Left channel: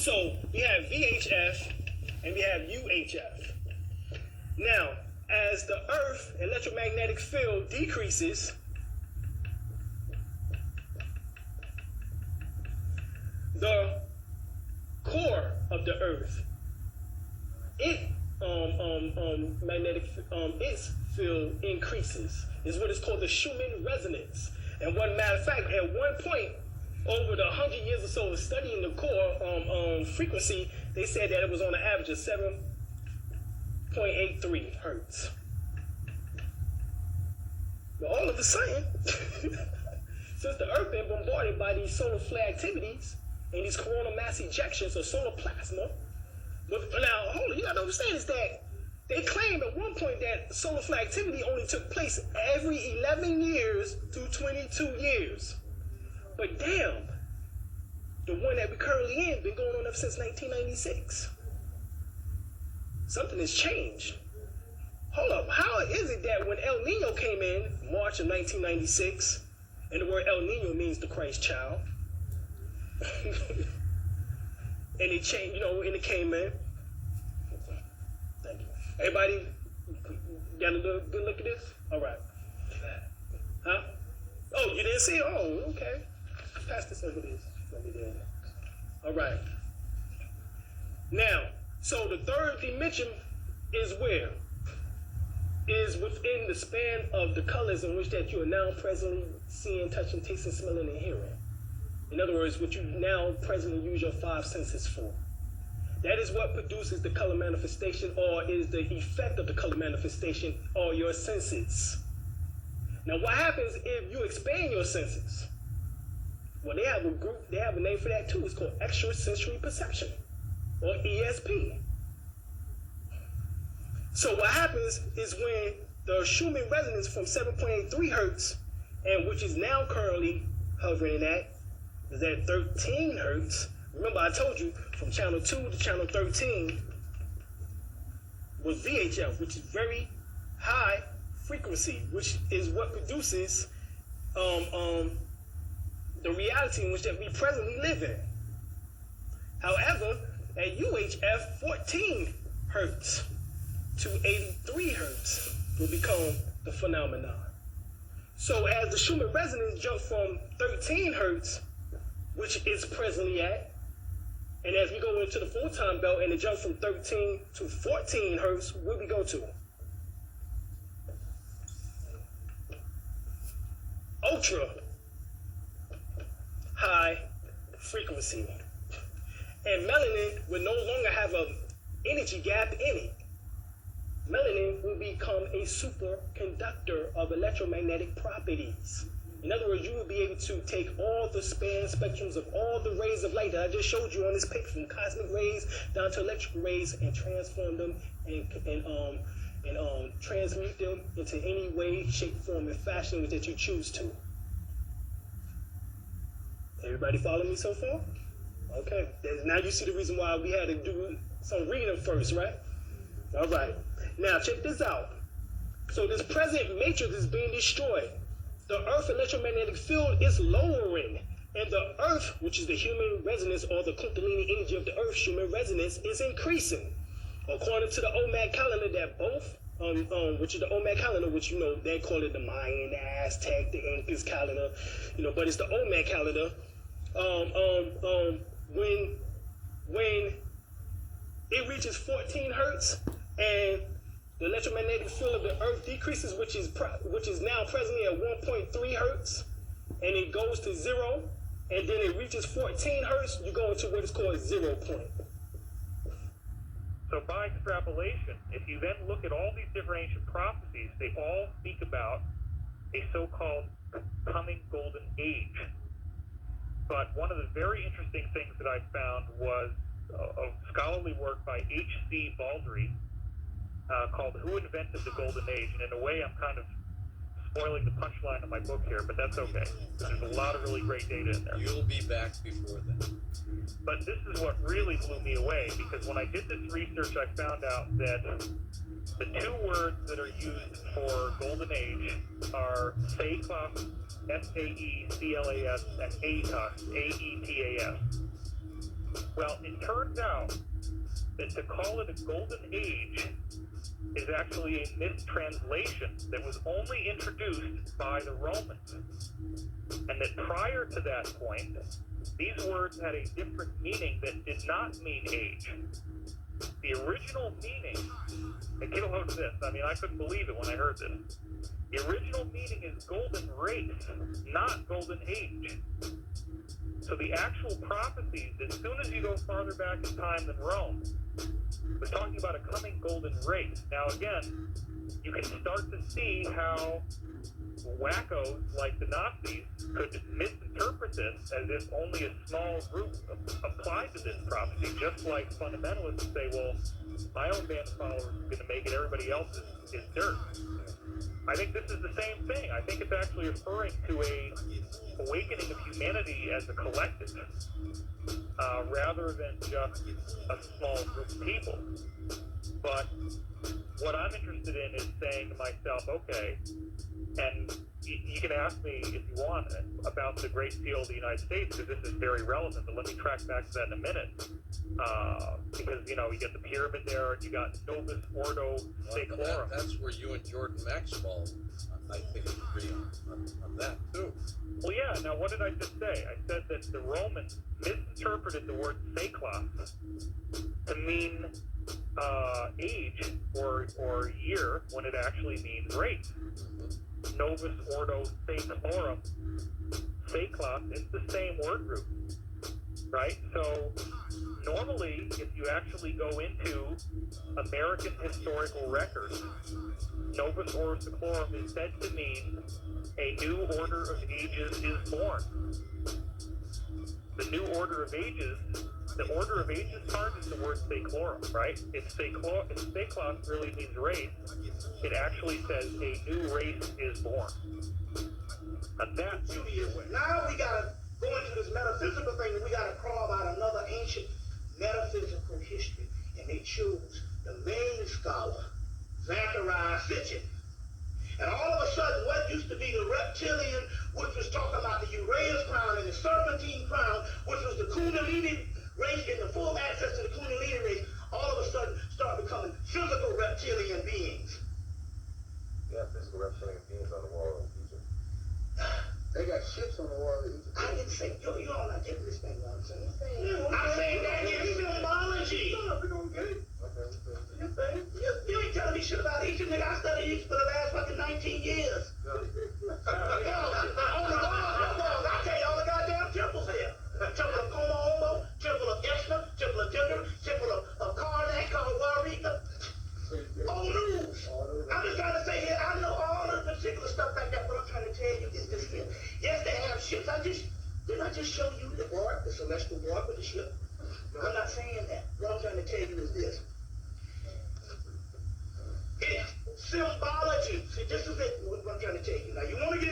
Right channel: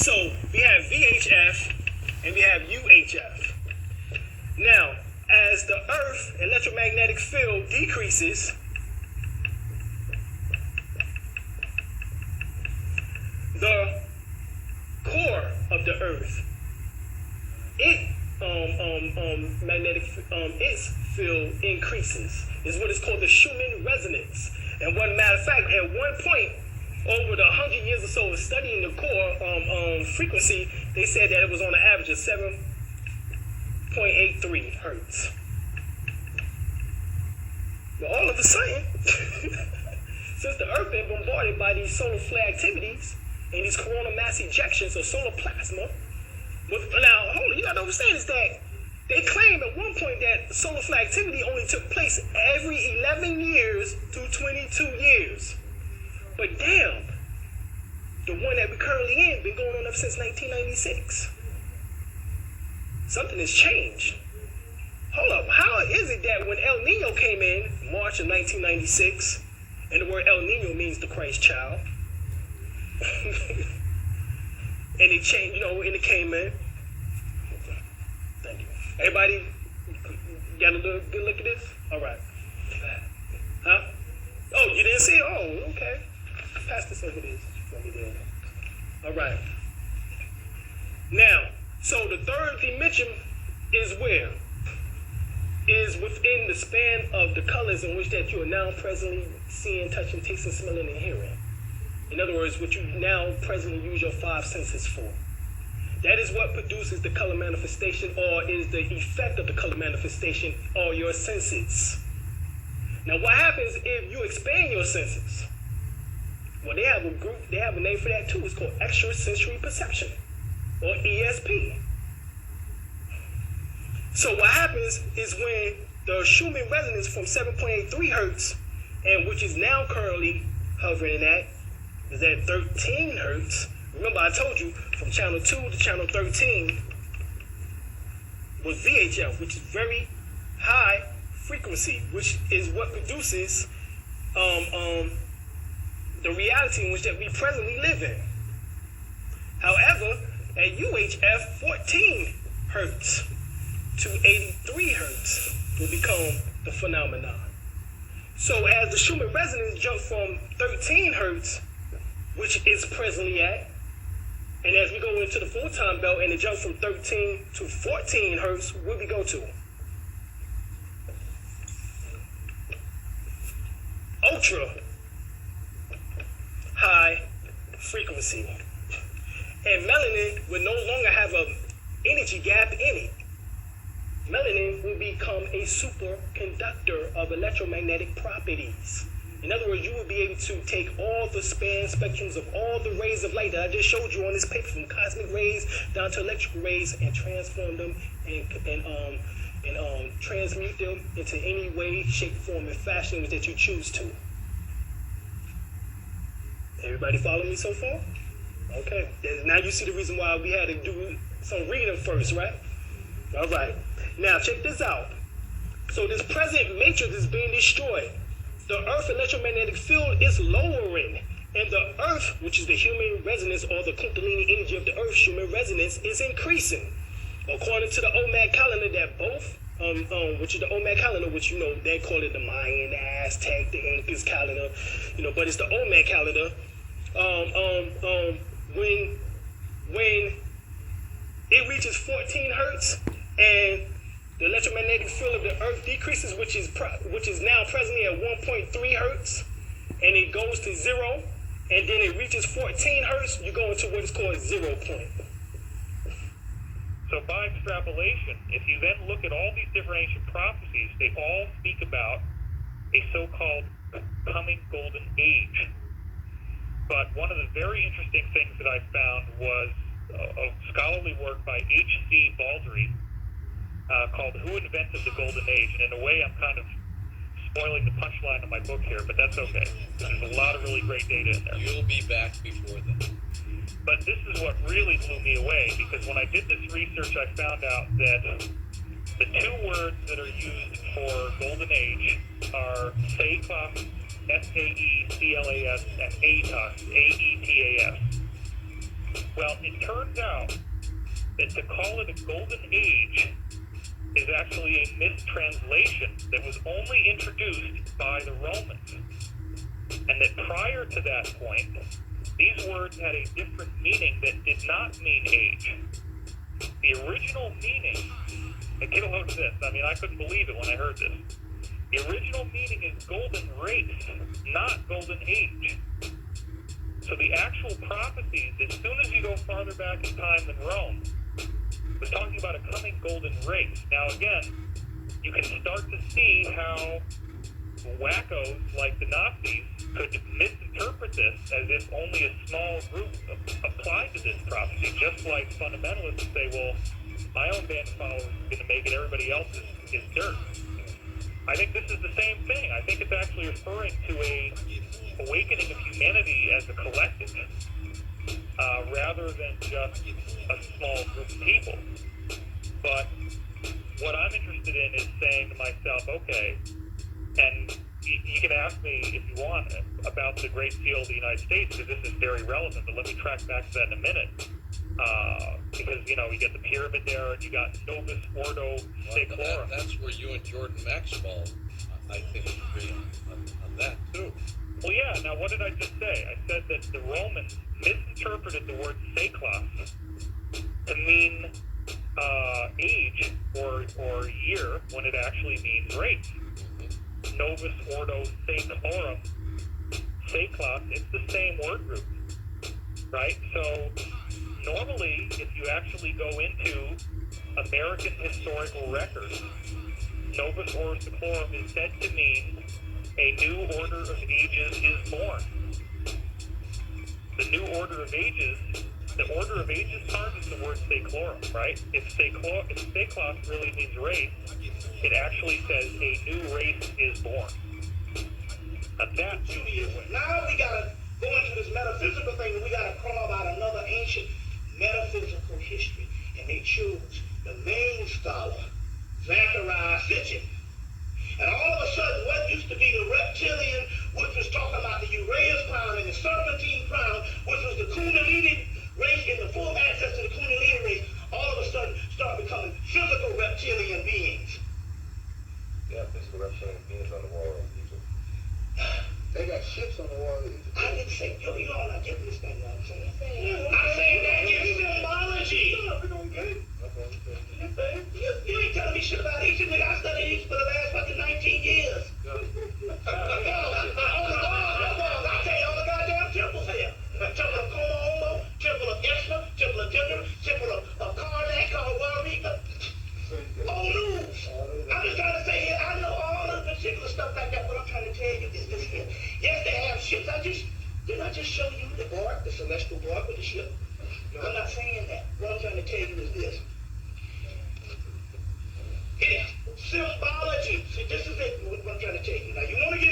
So we have VHF and we have UHF. Now, as the Earth electromagnetic field decreases, the core of the Earth, its field increases. Is what is called the Schumann Resonance. And one matter of fact, at one point, over the 100 years or so of studying the core frequency, they said that it was on an average of 7.83 hertz. But all of a sudden, since the Earth been bombarded by these solar flare activities and these coronal mass ejections of solar plasma, now hold on, you gotta understand is that they claim at one point that solar flare activity only took place every 11 years to 22 years. But damn, the one that we're currently in been going on up since 1996. Something has changed. Hold up, how is it that when El Nino came in, March of 1996, and the word El Nino means the Christ child, and it changed, and it came in. Thank you. Everybody got a little good look at this? All right. Huh? Oh, you didn't see it? Oh, okay. Pass this over this. All right. Now, so the third dimension is where? Is within the span of the colors in which that you are now presently seeing, touching, tasting, smelling, and hearing. In other words, what you now presently use your five senses for. That is what produces the color manifestation, or is the effect of the color manifestation, or your senses. Now, what happens if you expand your senses? Well, they have a name for that too. It's called extrasensory perception, or ESP. So what happens is when the Schumann resonance from 7.83 hertz, and which is now currently hovering at, is at 13 hertz. Remember I told you from channel 2 to channel 13 was VHF, which is very high frequency, which is what produces the reality in which that we presently live in. However, at UHF, 14 hertz to 83 hertz will become the phenomenon. So as the Schumann resonance jumped from 13 hertz, which it's presently at, and as we go into the full-time belt and it jumps from 13 to 14 hertz, where we go to? Ultra high frequency. And melanin will no longer have an energy gap in it. Melanin will become a superconductor of electromagnetic properties. In other words, you will be able to take all the span spectrums of all the rays of light that I just showed you on this paper, from cosmic rays down to electrical rays, and transform them and transmute them into any way, shape, form, and fashion that you choose to. Everybody follow me so far? Okay. Now you see the reason why we had to do some reading first, right? All right. Now check this out. So this present matrix is being destroyed. The Earth electromagnetic field is lowering, and the Earth, which is the human resonance or the Kundalini energy of the Earth, human resonance, is increasing. According to the OMAD calendar, that both, which is the OMAD calendar, which they call it the Mayan, the Aztec, the Incas calendar, but it's the OMAD calendar. When it reaches 14 hertz and the electromagnetic field of the Earth decreases, which is now presently at 1.3 hertz, and it goes to 0, and then it reaches 14 hertz, you go into what is called 0 point. So by extrapolation, if you then look at all these different ancient prophecies, they all speak about a so-called coming golden age. But one of the very interesting things that I found was a scholarly work by H.C. Baldry called Who Invented the Golden Age? And in a way, I'm kind of spoiling the punchline of my book here, but that's okay. There's a lot of really great data in there. You'll be back before then. But this is what really blew me away, because when I did this research, I found out that the two words that are used for golden age are Saeclas, S-A-E-C-L-A-S, and AETAS, A-E-T-A-S. Well, it turns out that to call it a golden age is actually a mistranslation that was only introduced by the Romans. And that prior to that point, these words had a different meaning that did not mean age. The original meaning, and get a load of this, I mean, I couldn't believe it when I heard this. The original meaning is golden race, not golden age. So the actual prophecies, as soon as you go farther back in time than Rome, was talking about a coming golden race. Now again, you can start to see how wackos like the Nazis could misinterpret this as if only a small group applied to this prophecy, just like fundamentalists say, well, my own band of followers is going to make it, everybody else is dirt. I think this is the same thing. I think it's actually referring to a awakening of humanity as a collective, rather than just a small group of people. But what I'm interested in is saying to myself, okay, and you can ask me if you want about the Great Seal of the United States, because this is very relevant, but let me track back to that in a minute. Because, you get the pyramid there, and you got Novus Ordo Seclorum. That's where you and Jordan Maxwell, I think, agree on that, too. Well, yeah, now what did I just say? I said that the Romans misinterpreted the word seklos to mean age or year when it actually means race. Novus Ordo Seclorum. Seklos, it's the same word group, right? So normally, if you actually go into American historical records, Novus Ordo Seclorum is said to mean a new order of ages is born. The new order of ages, the order of ages part is the word seclorum, right? If seklos really means race, it actually says a new race is born. Now that's Judaism. Now we gotta go into this metaphysical thing, and we gotta carve out another ancient metaphysical history. And they chose the main scholar, Zachariah Sitchin. And all of a sudden, what used to be the reptilian, which was talking about the Uraeus crown and the serpentine crown, which was the Kundalini race and the full access to the Kundalini race, all of a sudden start becoming physical reptilian beings. Yeah, physical reptilian beings on the wall of Egypt. They got ships on the wall of Egypt. I didn't say, you're all not getting this thing, what I'm saying. I'm saying that is symbology. No, we don't get it. Okay. You ain't telling me shit about Egypt, nigga. I studied Egypt for the last fucking 19 years. On the walls, I tell you all the goddamn temples here. Temple of Como, Temple of Esna, Temple of Tinder, Temple of Karnak, Warika. Old news. I'm just trying to say here, I know all of the particular stuff like that. What I'm trying to tell you is this here. Yes, they have ships. Didn't I just show you the bark, the celestial bark with the ship? I'm not saying that. What I'm trying to tell you is this. It's symbology. See, this is it, what I'm trying to tell you. Now, you want to get